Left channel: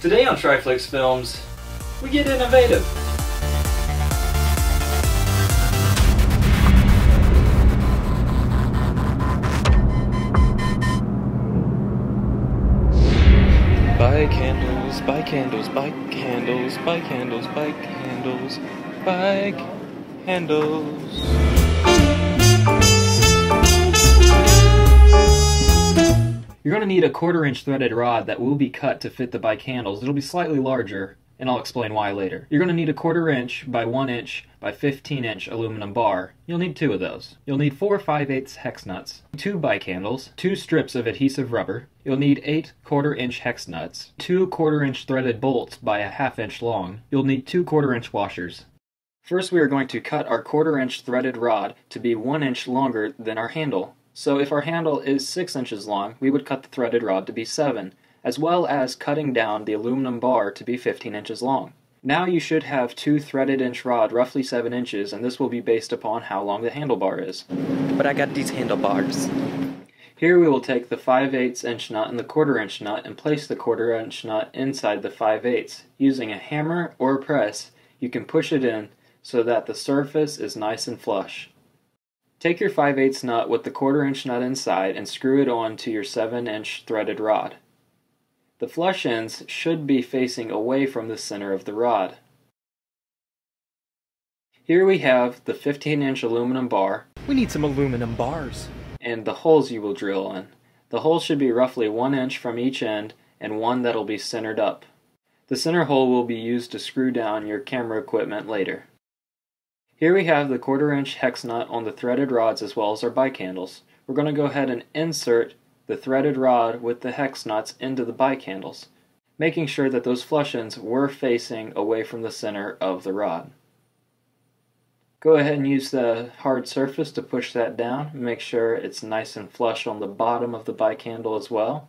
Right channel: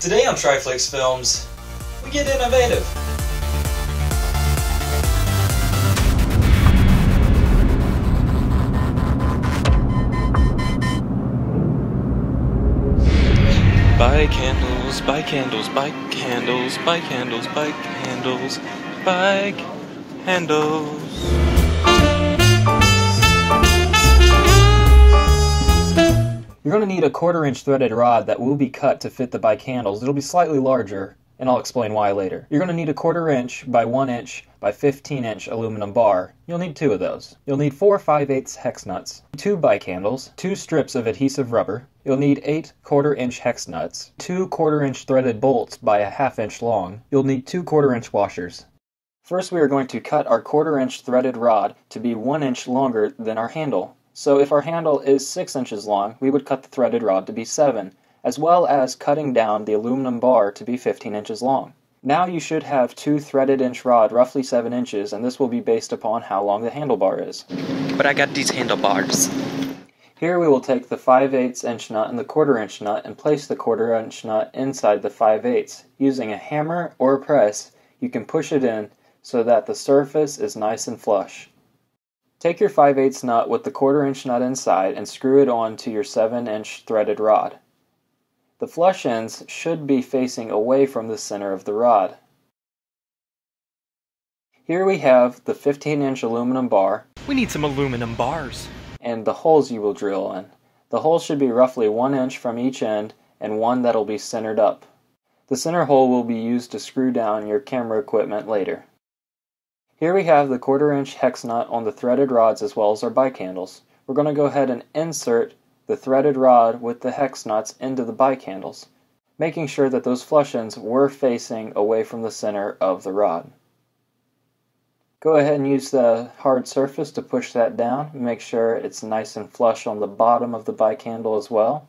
Today on TRIFLIX Films, we get innovative. Buy candles, buy candles, buy candles, buy candles, buy candles, buy candles. You're going to need a 1/4 inch threaded rod that will be cut to fit the buy candles. It'll be slightly larger, and I'll explain why later. You're going to need a 1/4 inch by 1 inch by 15 inch aluminum bar. You'll need 2 of those. You'll need 4 5/8 hex nuts, 2 buy candles, 2 strips of adhesive rubber. You'll need 8 1/4 inch hex nuts, 2 1/4 inch threaded bolts by a 1/2 inch long. You'll need 2 1/4 inch washers. First, we are going to cut our 1/4 inch threaded rod to be 1 inch longer than our handle. So if our handle is 6 inches long, we would cut the threaded rod to be 7, as well as cutting down the aluminum bar to be 15 inches long. Now you should have 2 threaded inch rod, roughly 7 inches, and this will be based upon how long the handlebar is. But I got these handlebars. Here we will take the 5/8 inch nut and the 1/4 inch nut and place the 1/4 inch nut inside the 5/8. Using a hammer or a press, you can push it in so that the surface is nice and flush. Take your 5/8 nut with the 1/4 inch nut inside and screw it on to your 7 inch threaded rod. The flush ends should be facing away from the center of the rod. Here we have the 15 inch aluminum bar. We need some aluminum bars. And the holes you will drill in. The holes should be roughly 1 inch from each end and one that'll be centered up. The center hole will be used to screw down your camera equipment later. Here we have the 1/4 inch hex nut on the threaded rods as well as our buy candles. We're going to go ahead and insert the threaded rod with the hex nuts into the buy candles, making sure that those flush ends were facing away from the center of the rod. Go ahead and use the hard surface to push that down and make sure it's nice and flush on the bottom of the buy candle as well.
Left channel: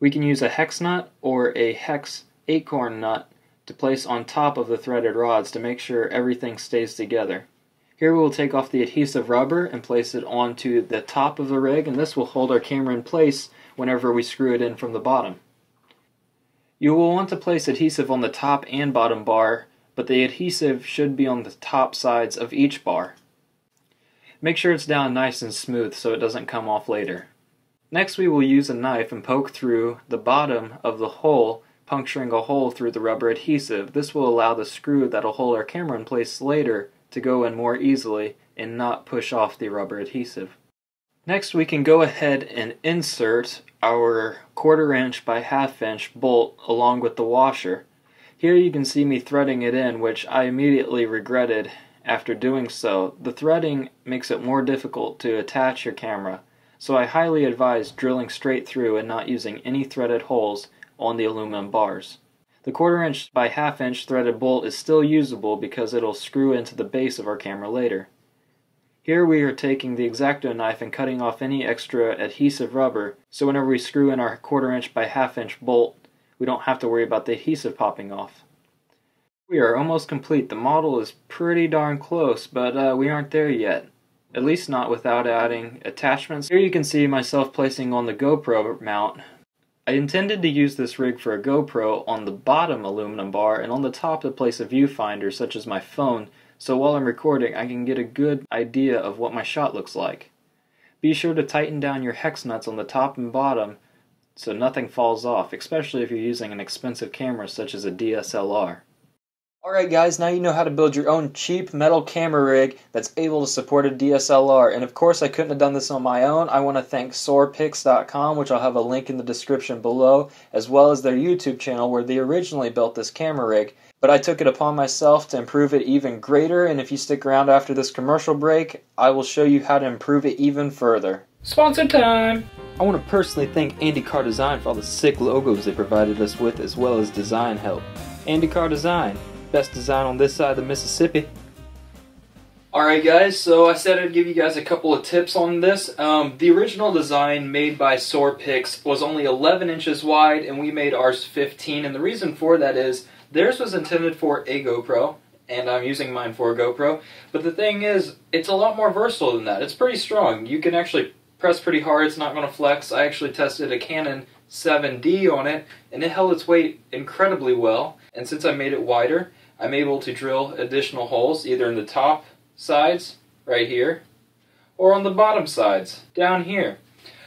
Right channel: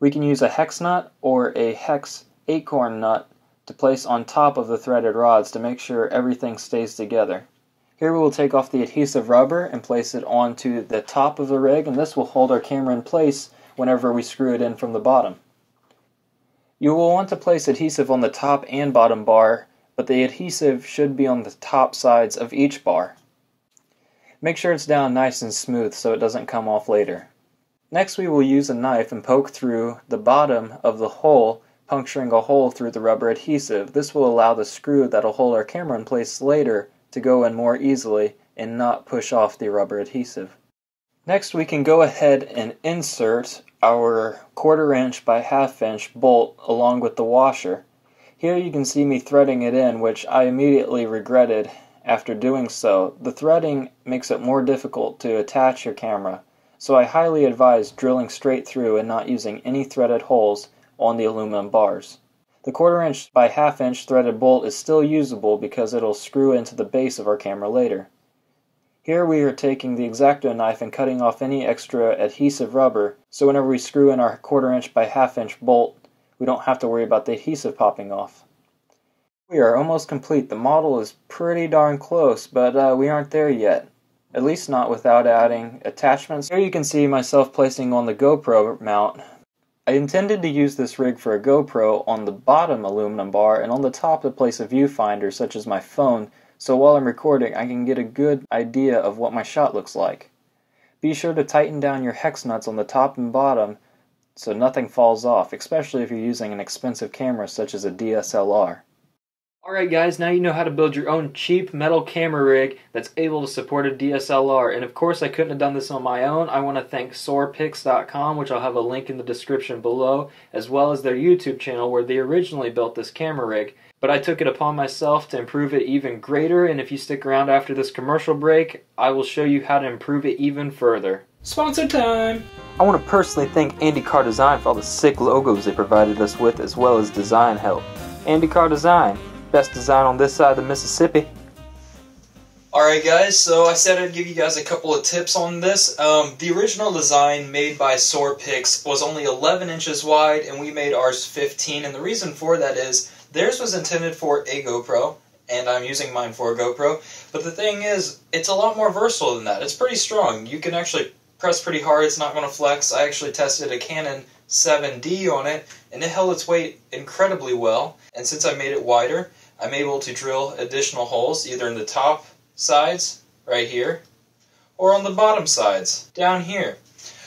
We can use a hex nut or a hex acorn nut to place on top of the threaded rods to make sure everything stays together. Here we will take off the adhesive rubber and place it onto the top of the rig, and this will hold our camera in place whenever we screw it in from the bottom. You will want to place adhesive on the top and bottom bar, but the adhesive should be on the top sides of each bar. Make sure it's down nice and smooth so it doesn't come off later. Next we will use a knife and poke through the bottom of the hole, puncturing a hole through the rubber adhesive. This will allow the screw that'll hold our camera in place later to go in more easily and not push off the rubber adhesive. Next we can go ahead and insert our 1/4 inch by 1/2 inch bolt along with the washer. Here you can see me threading it in, which I immediately regretted after doing so. The threading makes it more difficult to attach your camera, so I highly advise drilling straight through and not using any threaded holes on the aluminum bars. The 1/4 inch by 1/2 inch threaded bolt is still usable because it'll screw into the base of our camera later. Here we are taking the X-Acto knife and cutting off any extra adhesive rubber, so whenever we screw in our 1/4 inch by 1/2 inch bolt, we don't have to worry about the adhesive popping off. We are almost complete. The model is pretty darn close, but we aren't there yet. At least not without adding attachments. Here you can see myself placing on the GoPro mount. I intended to use this rig for a GoPro on the bottom aluminum bar and on the top to place a viewfinder such as my phone, so while I'm recording I can get a good idea of what my shot looks like. Be sure to tighten down your hex nuts on the top and bottom so nothing falls off, especially if you're using an expensive camera such as a DSLR. Alright guys, now you know how to build your own cheap metal camera rig that's able to support a DSLR. And of course I couldn't have done this on my own. I want to thank Soarpix.com, which I'll have a link in the description below, as well as their YouTube channel where they originally built this camera rig. But I took it upon myself to improve it even greater, and if you stick around after this commercial break, I will show you how to improve it even further. Sponsor time! I want to personally thank Carr Design for all the sick logos they provided us with, as well as design help. Carr Design. Best design on this side of the Mississippi. Alright guys, so I said I'd give you guys a couple of tips on this. The original design made by Soarpix was only 11 inches wide and we made ours 15, and the reason for that is theirs was intended for a GoPro and I'm using mine for a GoPro, but the thing is it's a lot more versatile than that. It's pretty strong. You can actually press pretty hard, it's not going to flex. I actually tested a Canon 7D on it, and it held its weight incredibly well. And since I made it wider, I'm able to drill additional holes either in the top sides, right here, or on the bottom sides, down here.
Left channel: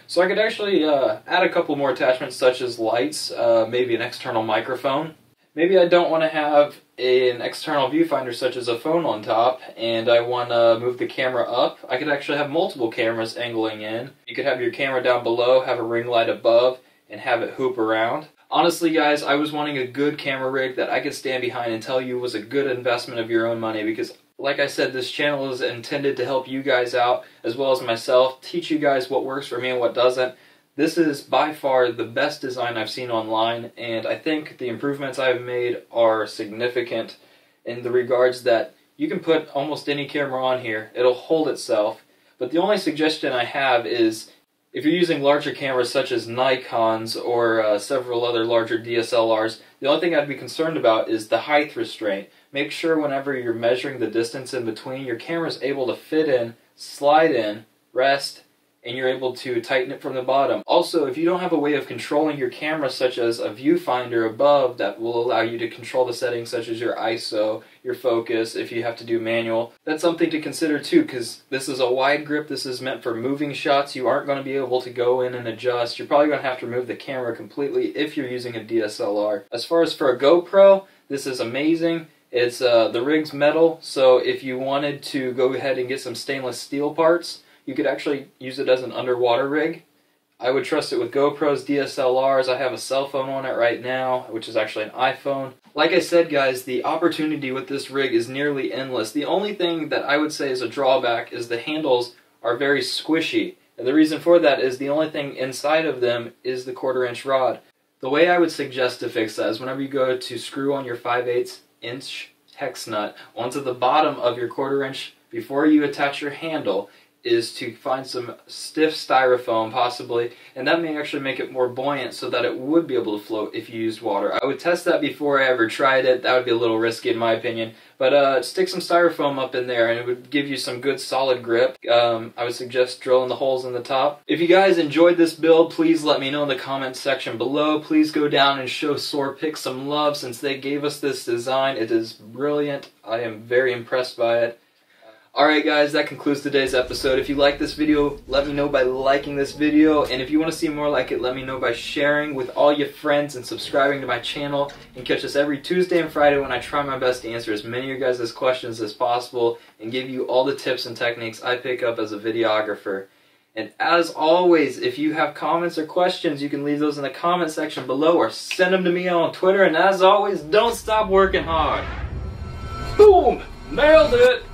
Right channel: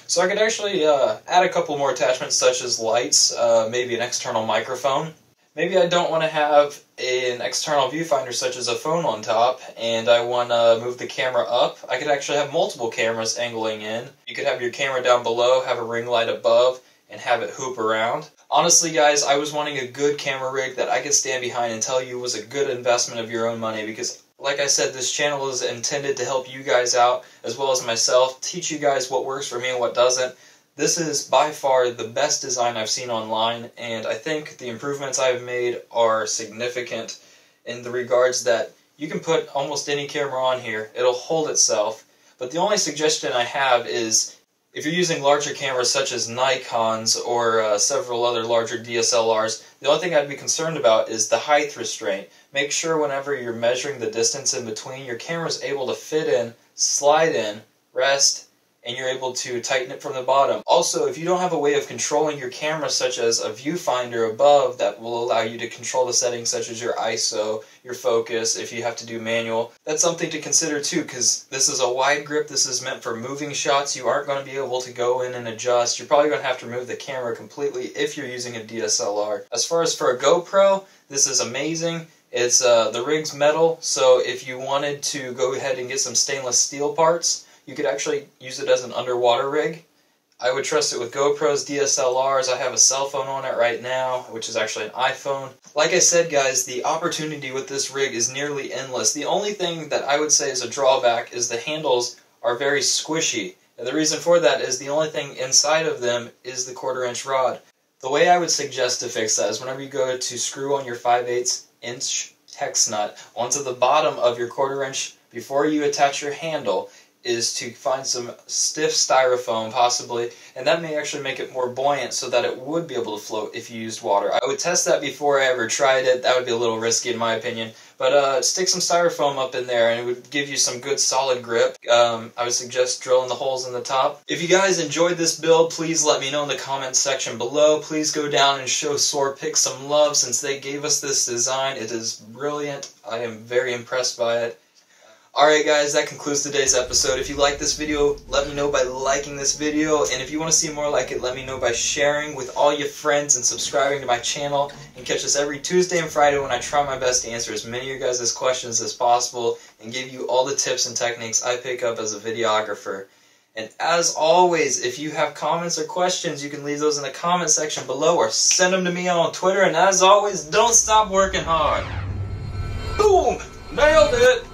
So I could actually add a couple more attachments such as lights, maybe an external microphone. Maybe I don't want to have an external viewfinder such as a phone on top, and I want to move the camera up. I could actually have multiple cameras angling in. You could have your camera down below, have a ring light above, and have it hoop around. Honestly guys, I was wanting a good camera rig that I could stand behind and tell you was a good investment of your own money, because like I said, this channel is intended to help you guys out as well as myself, teach you guys what works for me and what doesn't. This is by far the best design I've seen online, and I think the improvements I've made are significant in the regards that you can put almost any camera on here, it'll hold itself. But the only suggestion I have is, if you're using larger cameras such as Nikon's or several other larger DSLRs, the only thing I'd be concerned about is the height restraint. Make sure whenever you're measuring the distance in between, your camera's able to fit in, slide in, rest, and you're able to tighten it from the bottom. Also, if you don't have a way of controlling your camera such as a viewfinder above that will allow you to control the settings such as your ISO, your focus, if you have to do manual, that's something to consider too, because this is a wide grip, this is meant for moving shots. You aren't going to be able to go in and adjust. You're probably going to have to remove the camera completely if you're using a DSLR. As far as for a GoPro, this is amazing. It's the rig's metal, so if you wanted to go ahead and get some stainless steel parts, you could actually use it as an underwater rig. I would trust it with GoPros, DSLRs. I have a cell phone on it right now, which is actually an iPhone. Like I said, guys, the opportunity with this rig is nearly endless. The only thing that I would say is a drawback is the handles are very squishy. And the reason for that is the only thing inside of them is the 1/4-inch rod. The way I would suggest to fix that is whenever you go to screw on your 5/8" hex nut onto the bottom of your 1/4-inch before you attach your handle, is to find some stiff styrofoam possibly, and that may actually make it more buoyant so that it would be able to float if you used water. I would test that before I ever tried it. That would be a little risky in my opinion, but stick some styrofoam up in there and it would give you some good solid grip. I would suggest drilling the holes in the top. If you guys enjoyed this build, please let me know in the comments section below. Please go down and show Soarpix some love since they gave us this design. It is brilliant. I am very impressed by it. Alright guys, that concludes today's episode. If you like this video, let me know by liking this video, and if you want to see more like it, let me know by sharing with all your friends and subscribing to my channel, and catch us every Tuesday and Friday when I try my best to answer as many of your guys' questions as possible and give you all the tips and techniques I pick up as a videographer. And as always, if you have comments or questions, you can leave those in the comment section below or send them to me on Twitter, and as always, don't stop working hard. Boom! Nailed it!